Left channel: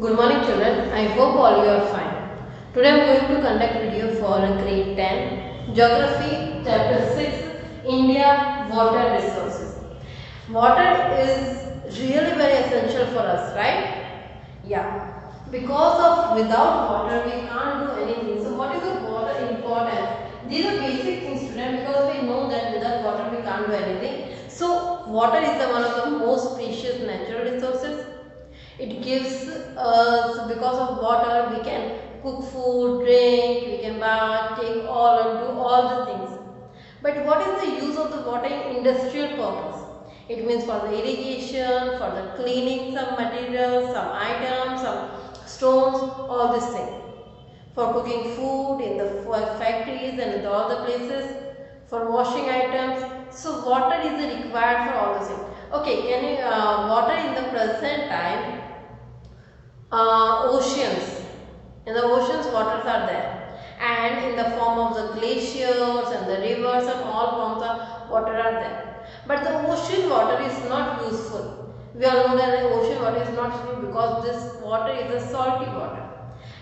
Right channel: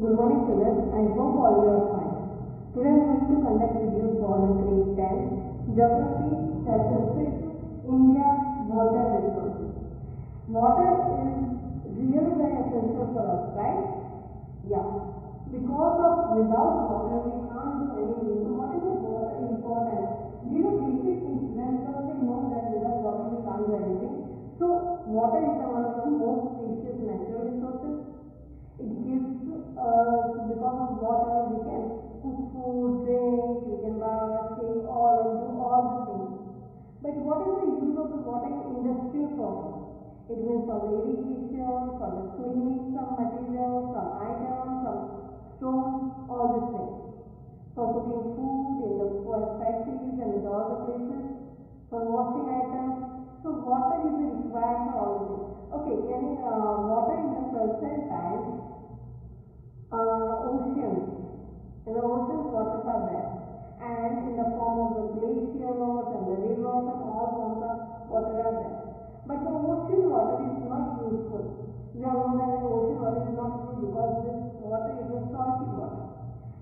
Good morning children, I hope all you are fine. Today I am going to conduct video for grade 10, Geography chapter 6, India Water Resources. Water is really very essential for us, right? Yeah. Because of without water we can't do anything. So what is the water importance? These are basic things students because we know that without water we can't do anything. So water is one of the most precious natural resources. It gives us, because of water we can cook food, drink, we can bath, take all and do all the things. But what is the use of the water in industrial purpose? It means for the irrigation, for the cleaning some materials, some items, some stones, all these things. For cooking food in the factories and in all the places, for washing items. So water is required for all those things. Okay, can you water in the present time, oceans. In the oceans, waters are there, and in the form of the glaciers and the rivers and all forms of water are there. But the ocean water is not useful. We all know that the ocean water is not useful because this water is a salty water,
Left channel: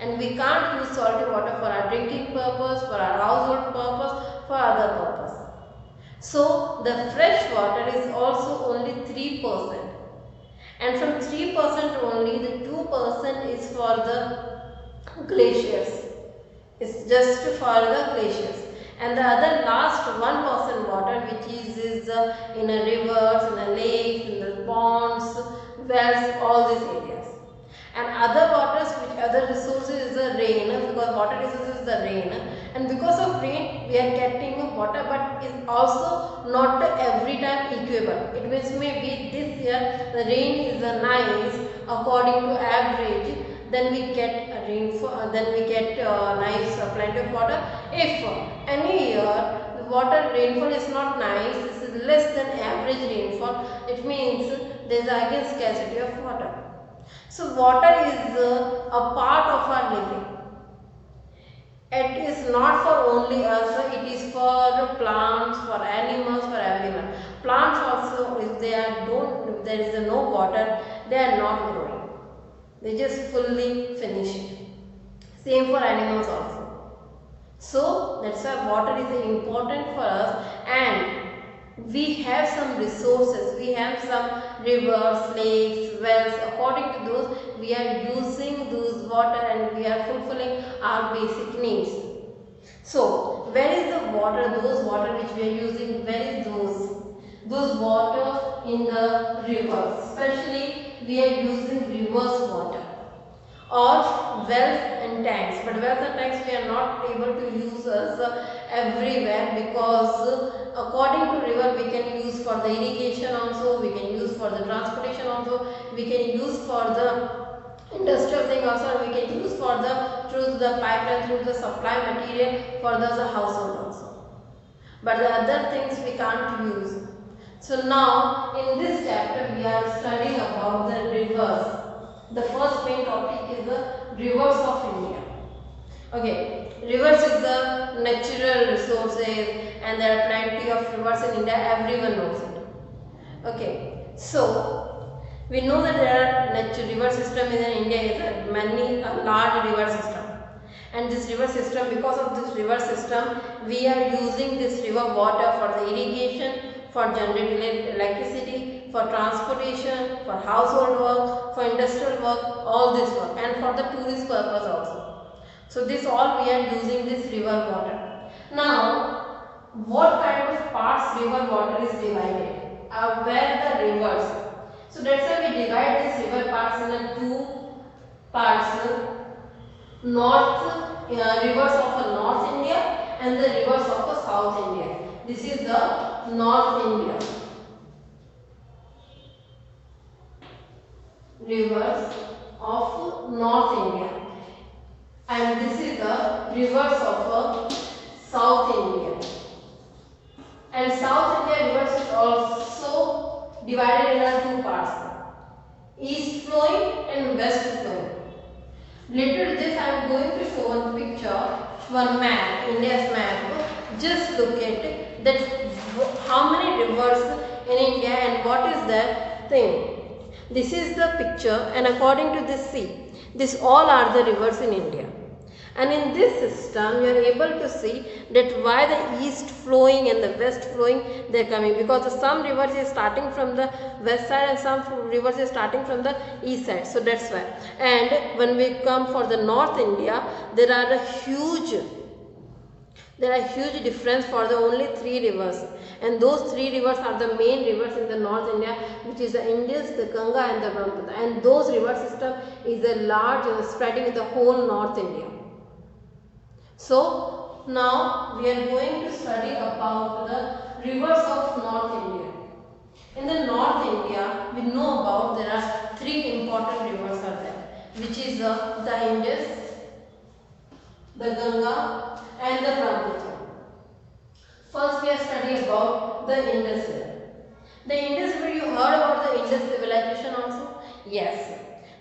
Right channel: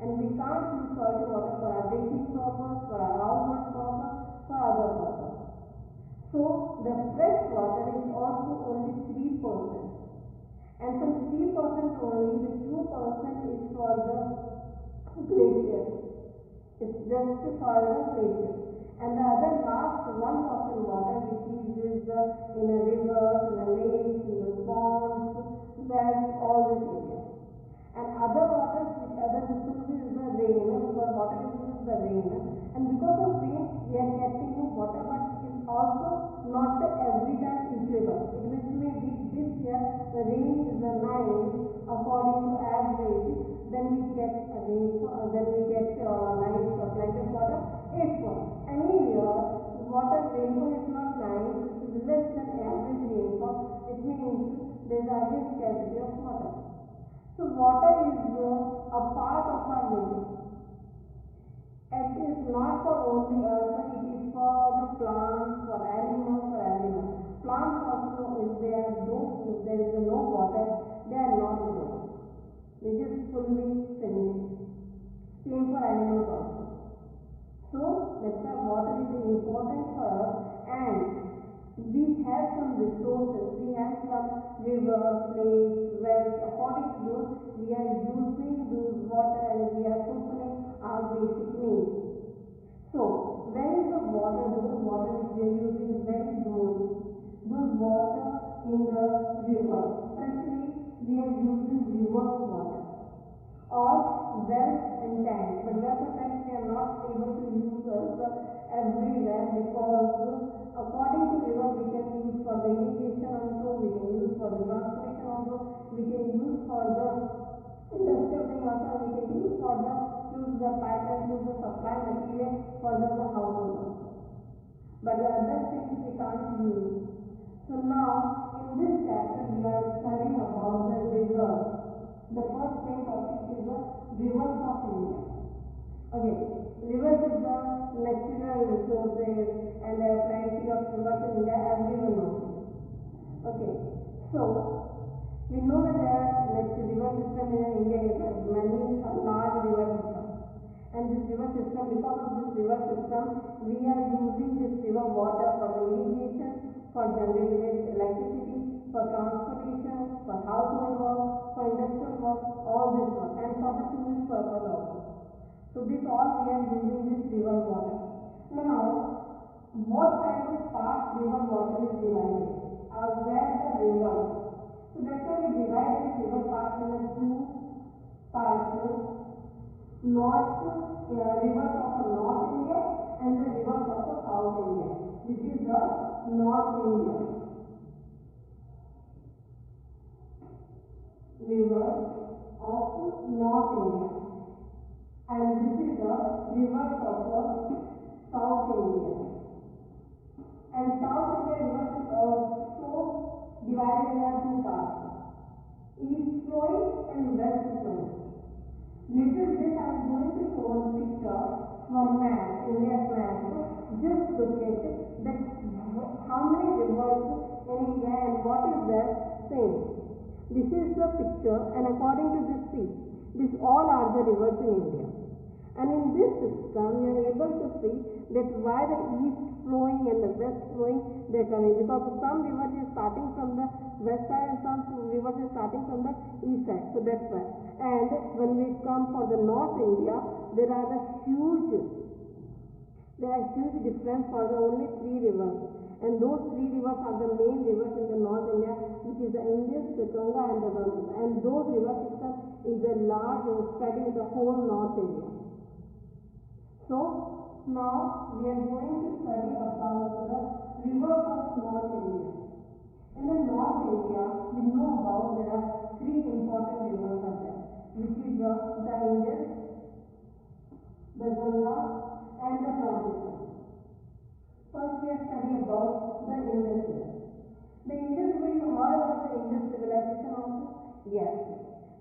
and we can't use salty water for our drinking purpose, for our household purpose, for other purpose. So the fresh water is also only 3%, and from 3% only the 2% is for the glaciers. It's just for the glaciers, and the other last 1% water which is in a rivers, in a lakes, in the ponds, wells, all these areas. And other waters, which other resources is the rain, because water resources is the rain, and because of rain we are getting water, but is also not every time equal. It means maybe this year the rain is nice according to average, then we get a rainfall, then we get nice plenty of water. If any year the water rainfall is not nice, this is less than average rainfall, it means there is again scarcity of water. So water is a part of our living. It is not for only us, it is for plants, for animals, for everyone. Plants also, if they are don't, if there is no water, they are not growing. They just fully finish it. Same for animals also. So that's why water is important for us, and we have some resources. We have some rivers, lakes, wells. According to those, we are using those water and we are fulfilling our basic needs. So where is the water? Those water which we are using, where is those? Those water in the rivers. Especially we are using rivers water, or wells and tanks. But wells and tanks we are not able to use as everywhere, because according to river we can use for the irrigation also, we can use for the transportation also, we can use for the industrial thing also, and we can use for the through the pipeline, through the supply material for the household also. But the other things we can't use. So now in this chapter we are studying about the rivers. The first main topic is the rivers of India. Okay, rivers is the natural resources, and there are plenty of rivers in India, everyone knows it. Okay, so we know that there are natural river system in India, is a large river system, and this river system, because of this river system we are using this river water for the irrigation, for generating electricity, for transportation, for household work, for industrial work, all this work, and for the tourist purpose also. So this all we are using this river water. Now what kind of parts river water is divided? Where the rivers. So that's why we divide this river parts in the two parts. North rivers of North India and the rivers of South India. This is the North India. Rivers of North India, and this is the rivers of South India. And South India rivers is also divided into two parts, east flowing and west flowing. Later this I am going to show one picture, one map, India's map. Just look at it, that how many rivers in India and what is the thing. This is the picture, and according to this, see, These all are the rivers in India. And in this system, you are able to see that why the east flowing and the west flowing, they are coming. Because some rivers is starting from the west side and some rivers is starting from the east side. So that's why. And when we come for the North India, there are a huge difference for the only 3 rivers. And those 3 rivers are the main rivers in the North India, which is the Indus, the Ganga and the Brahmaputra. And those river system is a large spreading in the whole North India. So now we are going to study about the rivers of North India. In the North India, we know about there are 3 important rivers are there, which is the Indus, the Ganga and the Brahmaputra. First we are studying about the Indus River. The Indus River, you heard about the Indus civilization also? Yes.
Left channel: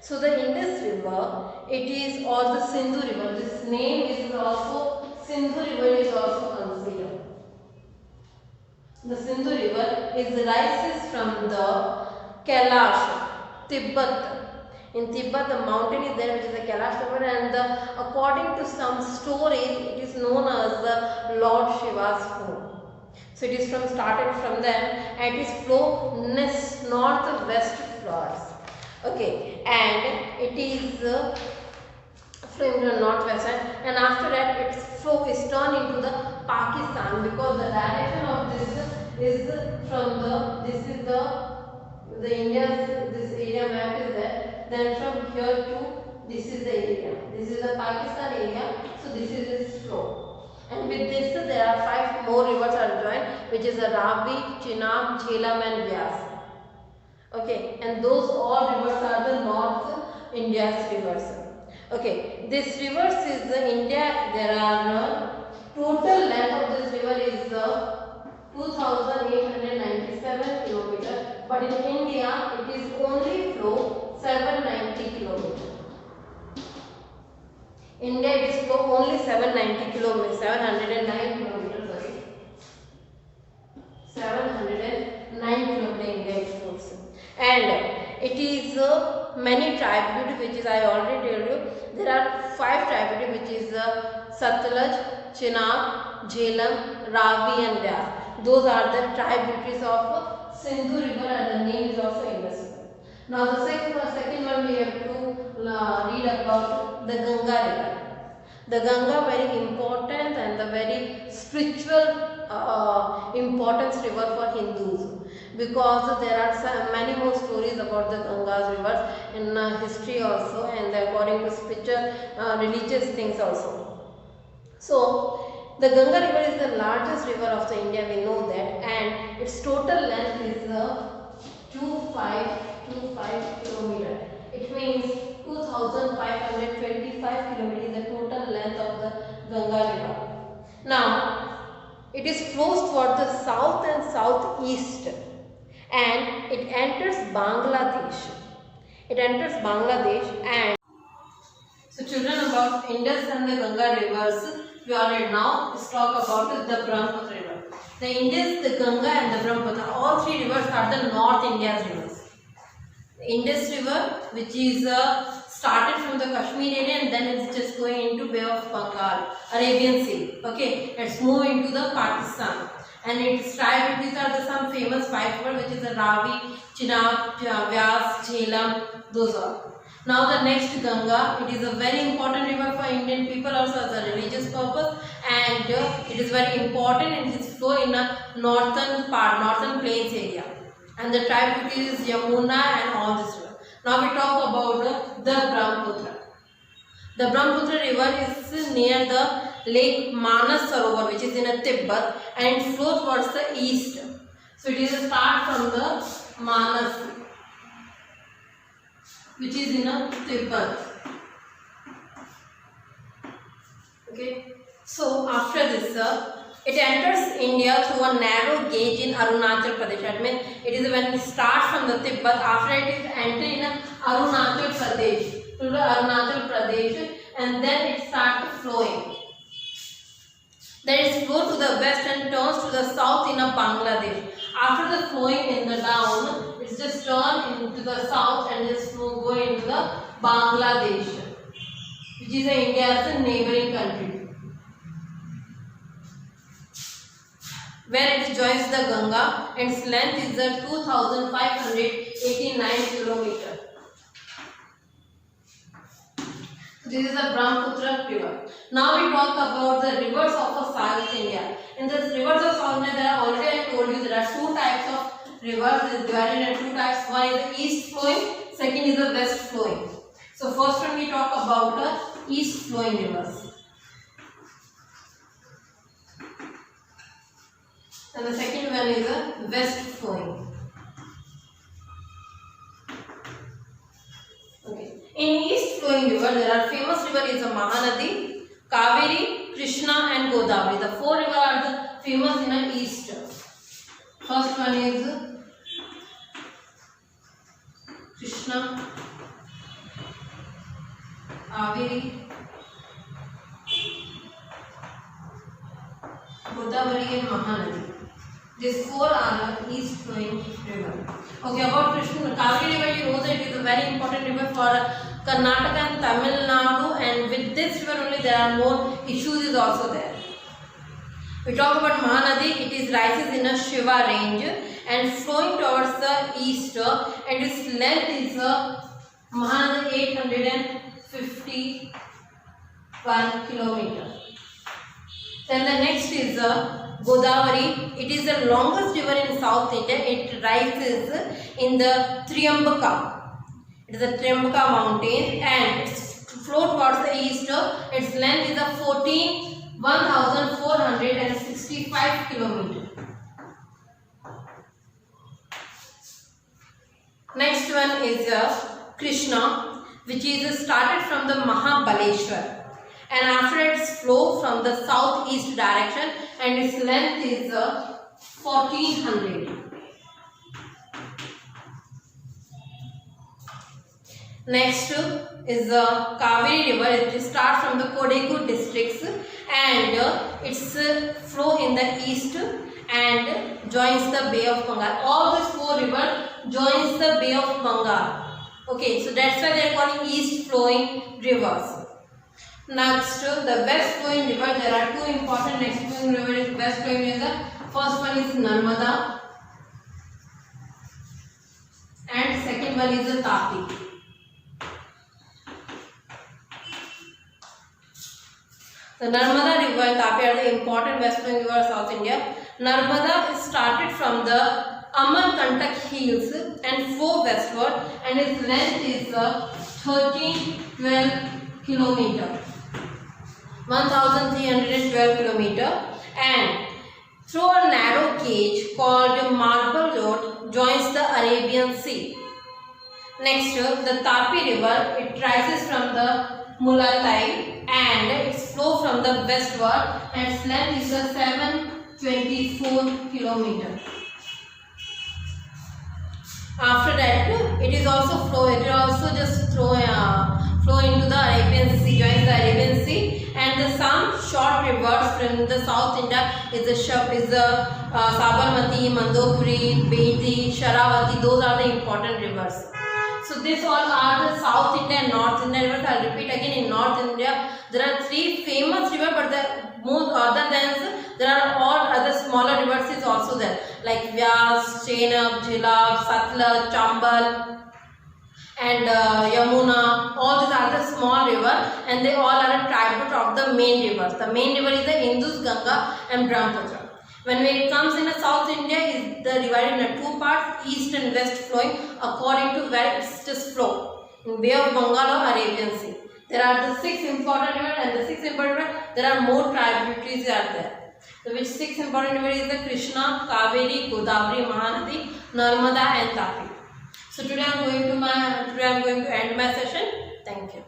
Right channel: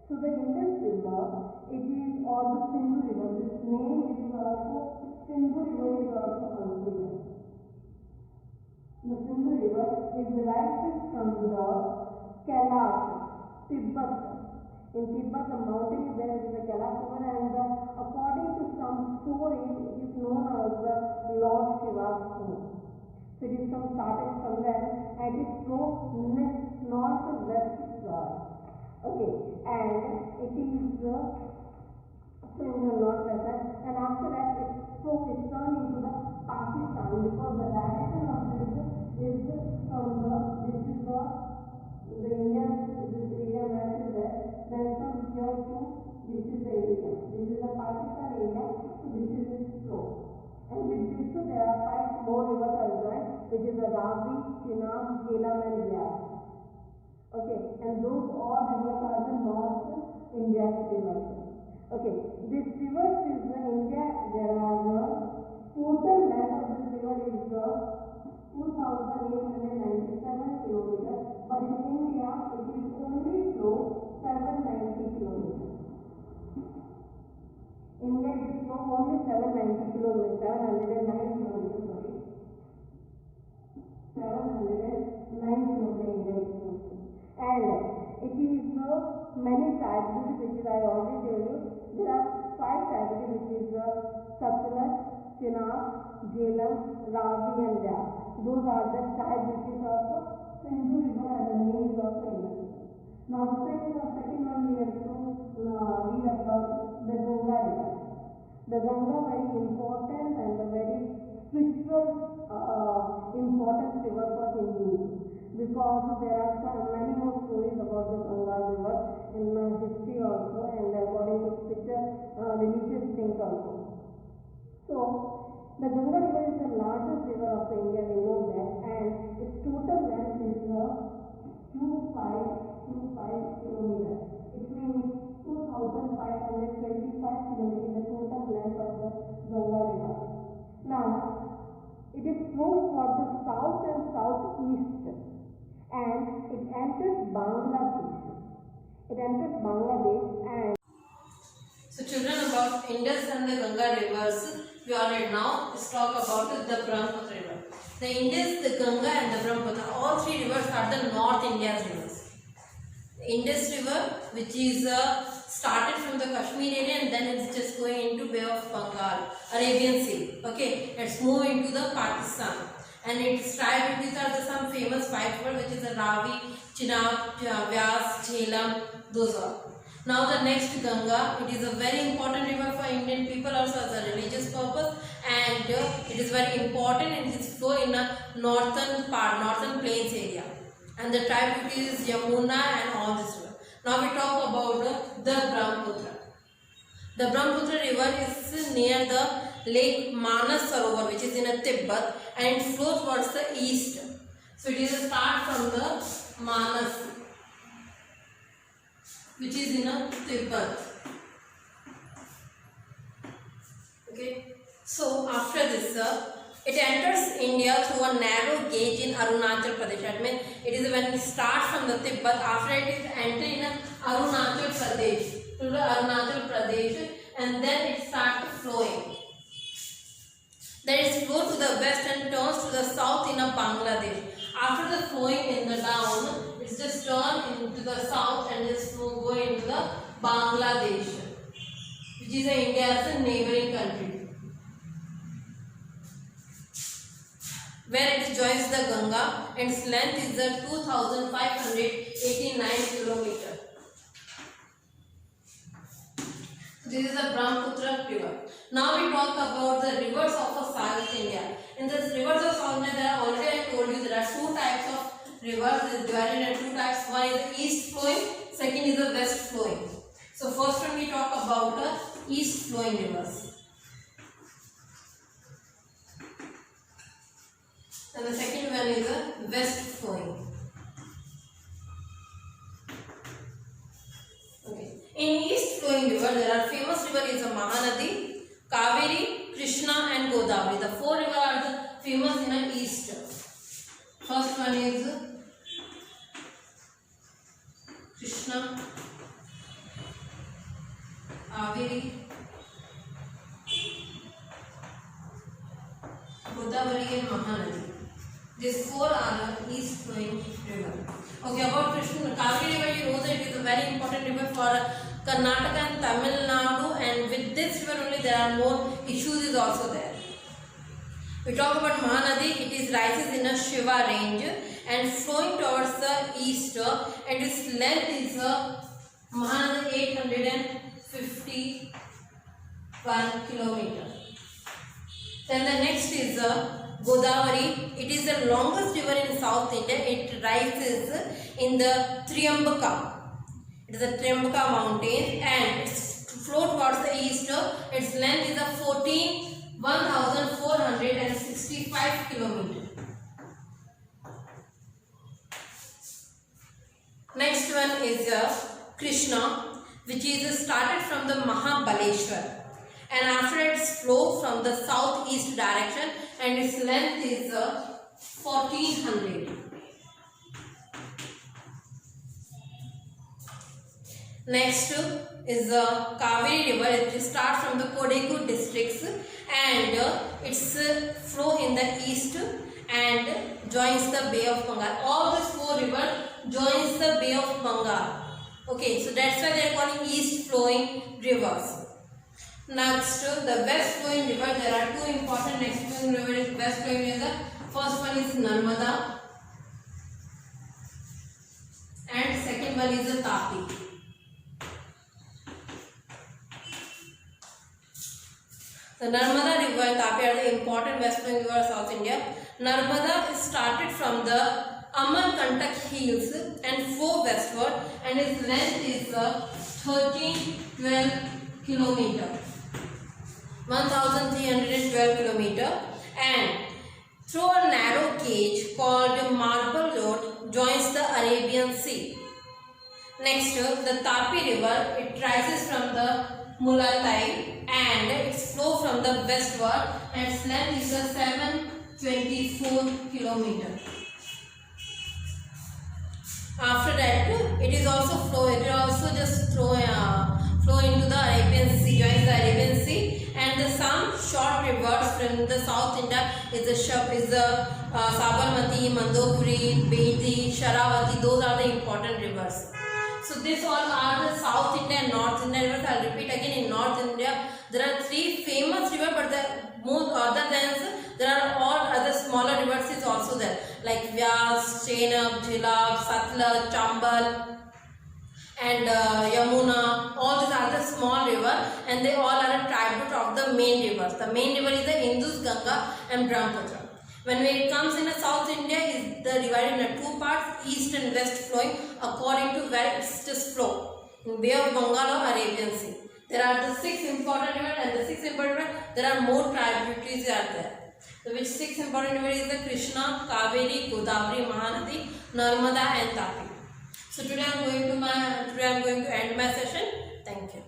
So the Indus River, it is or the Sindhu River. This name is also Sindhu River is also considered. The Sindhu River rises from the Kailash, Tibet. In Tibet, the mountain is there, which is the Kailash River, and according to some stories, it is known as the Lord Shiva's home. So it is started from them, and it is flow north-west floods. Okay, and it is from the northwest side, and after that its flow is turned into the Pakistan, because the direction of this is from the India's this area map is there. Then from here to this is the area. This is the Pakistan area. So this is its flow. And with this there are 5 more rivers are joined, which is the Ravi, Chenab, Jhelum and Vyas. Okay, and those all rivers are the North India's rivers. Okay, this rivers is the India. There are total length of this river is 2,897 kilometers, but in India it is only flow 790 kilometers. India it is flow only 790 kilometers, 709 kilometers. Sorry, 709 kilometers India is flows, and it is many tributaries, which is I already told you. There are 5 tributaries, which is Satluj, Chenab, Jhelum, Ravi and Vyas. Those are the tributaries of Sindhu River, and the name is also Indus. Now the second one we have to read about the Ganga River. The Ganga, very important and the very spiritual importance river for Hindus, because there are many more stories about the Ganga's rivers in history also, and according to spiritual religious things also. So the Ganga River is the largest river of the India, we know that, and its total length is 2525 kilometers. It means 2525 kilometers is the total length of the Ganga River. Now it is flows toward the south and southeast, and it enters Bangladesh. And so children, about Indus and the Ganga rivers we already know. Let's talk about the Brahmaputra river. The Indus, the Ganga and the Brahmaputra, all 3 rivers are the North India's rivers. The Indus river, which is started from the Kashmir area, and then it's just going into Bay of Bengal, Arabian Sea. Okay, it's moving into the Pakistan, and its tributaries are the some famous 5 rivers, which is the Ravi, Chenab, Vyas, Jhelum. Those are. Now the next Ganga, it is a very important river for Indian people also as a religious purpose, and it is very important, and it is flow in a northern plains area, and the tributary is Yamuna and all this river. Now we talk about the Brahmaputra. The Brahmaputra river is near the Lake Manas Sarovar, which is in a Tibet, and it flows towards the east. So it is a start from the Manas, which is in a Tibet. Okay. So after this, it enters India through a narrow gauge in Arunachal Pradesh. That means it is when it starts from the Tibet. After it is entered in Arunachal Pradesh, to the Arunachal Pradesh, and then it starts flowing. Then it flows to the west and turns to the south in a Bangladesh. After the flowing in the down, it's just turned into the south and just go into the Bangladesh, which is India's neighboring country, where it joins the Ganga, and its length is 2,589 kilometers. This is the Brahmaputra river. Now we talk about the rivers of South India. In the rivers of South India, there are already I told you there are two types of rivers. It is divided into two types. One is the east flowing, second is the west flowing. So first one we talk about the east flowing rivers, and the second one is the west flowing. Okay. In east flowing river, there are famous river is the Mahanadi, Kaveri, Krishna and Godavari. The four rivers are the famous in the east. First one is Krishna, Kaveri, Godavari and Mahanadi. These four are the east flowing river. Okay, about Krishna, Kaveri river, you know that it is a very important river for Karnataka and Tamil Nadu, and with this river only there are more issues is also there. We talk about Mahanadi. It is rises in a Shiva range and flowing towards the east, and its length is Mahanadi 851 kilometers. Then the next is Godavari. It is the longest river in South India. It rises in the Triambaka. It is the Triambaka mountain, and its flow towards the east. Its length is 1,465 kilometers. Next one is Krishna, which is started from the Mahabaleshwar, and after its flow from the southeast direction, and its length is 1400. Next is the Kaveri river. It starts from the Kodagu districts, and its flow in the east and joins the Bay of Bengal. All these four rivers joins the Bay of Bengal. Okay, so that's why they are calling east flowing rivers. Next, the west flowing river. There are two important next flowing rivers. West flowing river. First one is Narmada, and second one is the Tapi. The Narmada river and Tapi are the important west flowing river of South India. Narmada is started from the Amarkantak hills and flow westward, and its length is 1312 kilometers. 1312 kilometers, and through a narrow gauge called Marble Road joins the Arabian Sea. Next, the Tapi river. It rises from the Mulatai, and its flow from the westward, and its length is 724 kilometers. After that, it is also flow. It will also just flow into the Arabian Sea, joins the Arabian Sea, and some short rivers from the South India is the Sabarmati, Mandopuri, Bedi, Sharavati. Those are the important rivers. So this all are the South India and North India rivers. I will repeat again. In North India, there are three famous rivers, but the most other than there are all other smaller rivers is also there, like Vyas, Chenab, Jhelab, Satluj, Chambal, and Yamuna. All these are the small rivers, and they all are a tribute of the main rivers. The main river is the Indus, Ganga, and Brahmaputra. When it comes in South India, is divided into two parts, east and west flowing according to where it's just flow. In Bay of Bengal or Arabian Sea. There are the 6 important rivers, and the 6 important rivers, there are more tributaries are there. So which 6 important rivers is the Krishna, Kaveri, Godavari, Mahanadi, Narmada and Tapi. So today I am going to end my session. Thank you.